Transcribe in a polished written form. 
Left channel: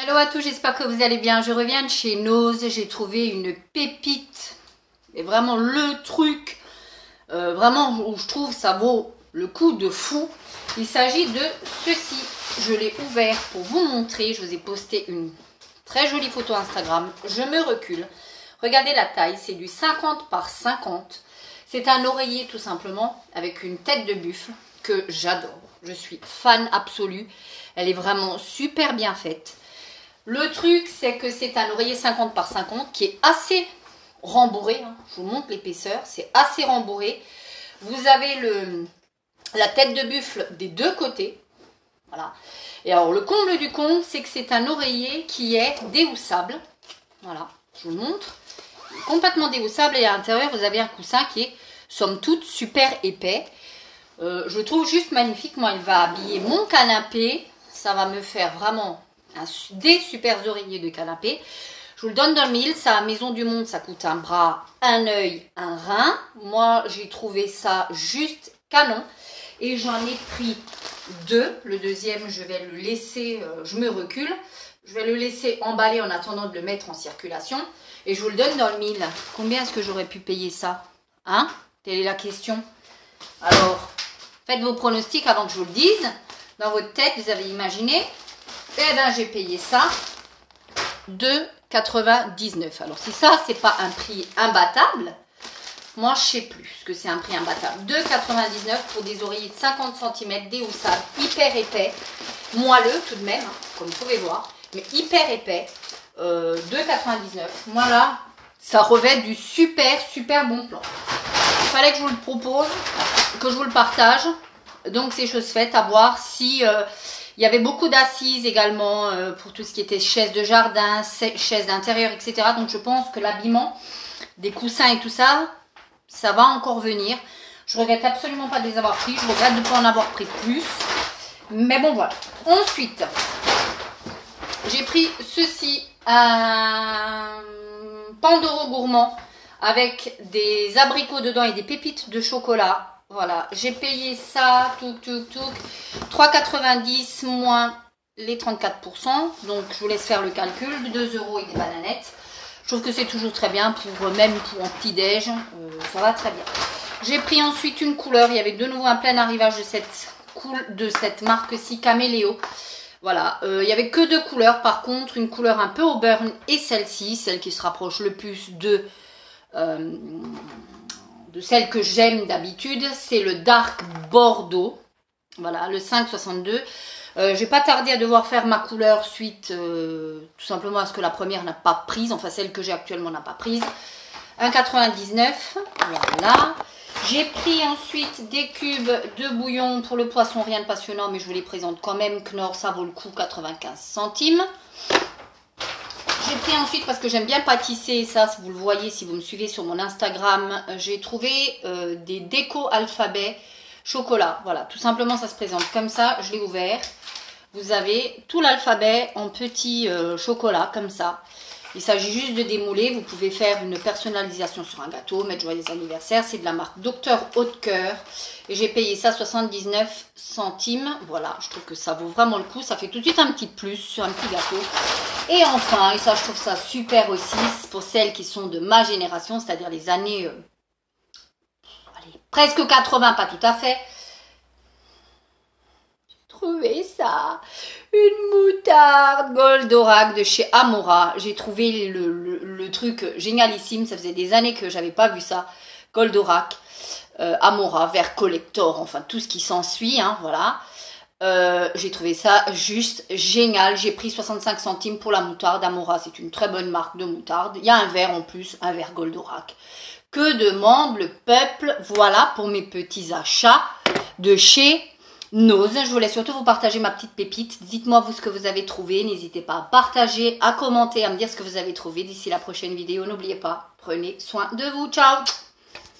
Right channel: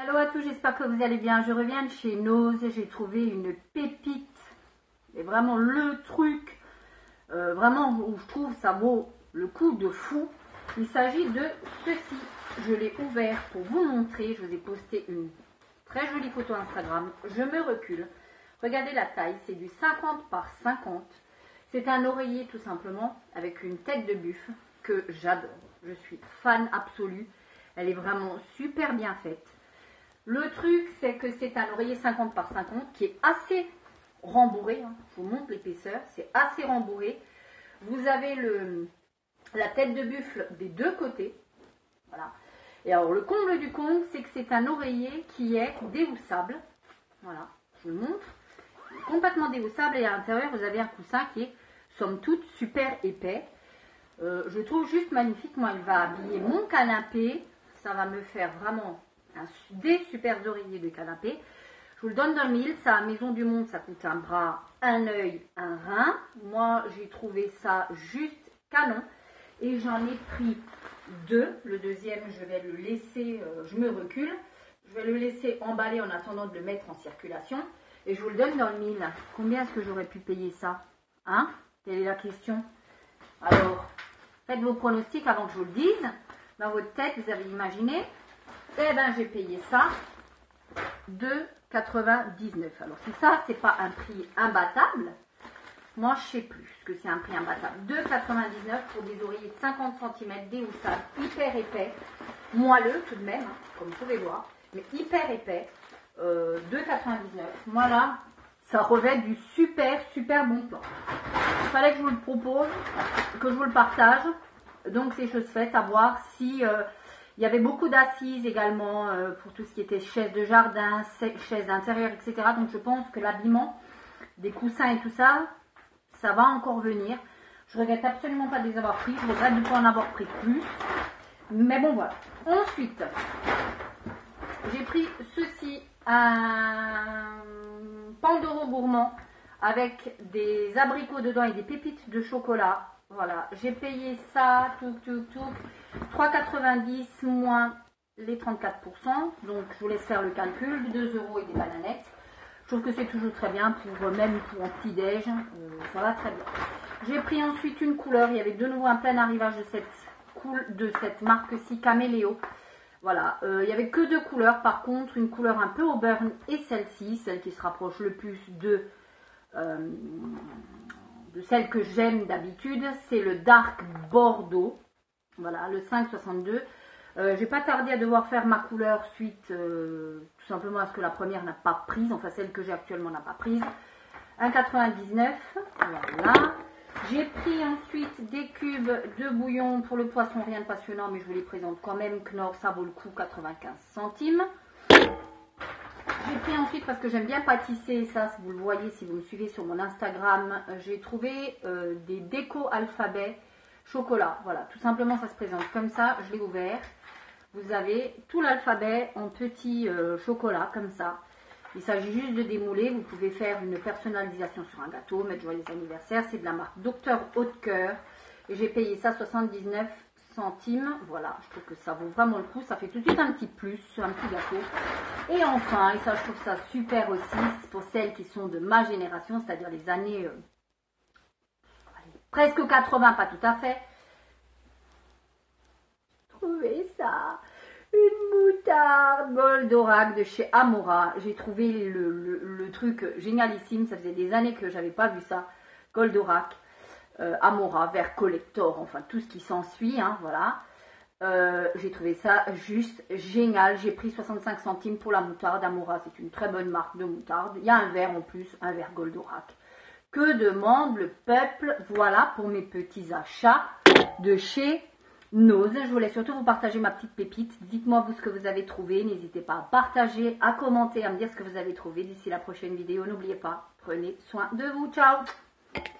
Hello à tous, j'espère que vous allez bien. Je reviens de chez Nose, j'ai trouvé une pépite. Et vraiment le truc, vraiment où je trouve ça vaut le coup de fou. Il s'agit de ceci. Je l'ai ouvert pour vous montrer. Je vous ai posté une très jolie photo Instagram. Je me recule. Regardez la taille, c'est du 50 par 50. C'est un oreiller tout simplement avec une tête de buffle que j'adore. Je suis fan absolue. Elle est vraiment super bien faite. Le truc, c'est que c'est un oreiller 50 par 50 qui est assez rembourré. Je vous montre l'épaisseur, c'est assez rembourré. Vous avez la tête de buffle des deux côtés. Voilà. Et alors, le comble du comble, c'est que c'est un oreiller qui est déhoussable. Voilà, je vous le montre. Il est complètement déhoussable et à l'intérieur, vous avez un coussin qui est, somme toute, super épais. Je le trouve juste magnifique. Moi, il va habiller mon canapé. Ça va me faire vraiment des super oreillers de canapé. Je vous le donne dans le mille. Ça à Maison du Monde, ça coûte un bras, un œil, un rein. Moi, j'ai trouvé ça juste canon. Et j'en ai pris deux. Le deuxième, je vais le laisser, je me recule. Je vais le laisser emballer en attendant de le mettre en circulation. Et je vous le donne dans le mille. Combien est-ce que j'aurais pu payer ça? Hein? Telle est la question. Alors, faites vos pronostics avant que je vous le dise. Dans votre tête, vous avez imaginé. Eh bien, j'ai payé ça 2,99. Alors, si ça, c'est pas un prix imbattable, moi, je sais plus ce que c'est un prix imbattable. 2,99 pour des oreillers de 50 cm, déhoussables, hyper épais, moelleux tout de même, comme vous pouvez voir, mais hyper épais. 2,99. Moi, là, ça revêt du super, super bon plan. Il fallait que je vous le propose, que je vous le partage. Donc, c'est chose faite à voir si... il y avait beaucoup d'assises également pour tout ce qui était chaises de jardin, chaises d'intérieur, etc. Donc, je pense que l'habillement, des coussins et tout ça, ça va encore venir. Je regrette absolument pas de les avoir pris. Je regrette de ne pas en avoir pris plus. Mais bon, voilà. Ensuite, j'ai pris ceci, un Pandoro gourmand avec des abricots dedans et des pépites de chocolat. Voilà, j'ai payé ça, 3,90 moins les 34%. Donc, je vous laisse faire le calcul. 2 € et des bananettes. Je trouve que c'est toujours très bien, même pour un petit-déj. Ça va très bien. J'ai pris ensuite une couleur. Il y avait de nouveau un plein arrivage de cette marque-ci, Caméléo. Voilà, il n'y avait que deux couleurs. Par contre, une couleur un peu au burn et celle-ci, celle qui se rapproche le plus de celle que j'aime d'habitude, c'est le Dark Bordeaux. Voilà, le 5,62. J'ai pas tardé à devoir faire ma couleur suite tout simplement à ce que la première n'a pas prise, enfin celle que j'ai actuellement n'a pas prise. 1,99. Voilà. J'ai pris ensuite des cubes de bouillon pour le poisson, rien de passionnant, mais je vous les présente quand même. Knorr, ça vaut le coup, 95 centimes. J'ai pris ensuite, parce que j'aime bien pâtisser, ça vous le voyez si vous me suivez sur mon Instagram, j'ai trouvé des déco alphabet chocolat. Voilà, tout simplement ça se présente comme ça, je l'ai ouvert. Vous avez tout l'alphabet en petit chocolat comme ça. Il s'agit juste de démouler. Vous pouvez faire une personnalisation sur un gâteau, mettre joyeux anniversaire. C'est de la marque Docteur Haute-Cœur. Et j'ai payé ça 79 centimes. Voilà, je trouve que ça vaut vraiment le coup. Ça fait tout de suite un petit plus sur un petit gâteau. Et enfin, et ça je trouve ça super aussi, pour celles qui sont de ma génération, c'est-à-dire les années allez, presque 80, pas tout à fait. Trouvé ça, une moutarde Goldorak de chez Amora. J'ai trouvé le truc génialissime, ça faisait des années que j'avais pas vu ça. Goldorak, Amora, vert collector, enfin tout ce qui s'ensuit, hein, voilà. J'ai trouvé ça juste génial. J'ai pris 65 centimes pour la moutarde. Amora, c'est une très bonne marque de moutarde. Il y a un verre en plus, un verre Goldorak. Que demande le peuple? Voilà pour mes petits achats de chez Nose. Je voulais surtout vous partager ma petite pépite. Dites-moi vous ce que vous avez trouvé. N'hésitez pas à partager, à commenter, à me dire ce que vous avez trouvé. D'ici la prochaine vidéo, n'oubliez pas, prenez soin de vous. Ciao!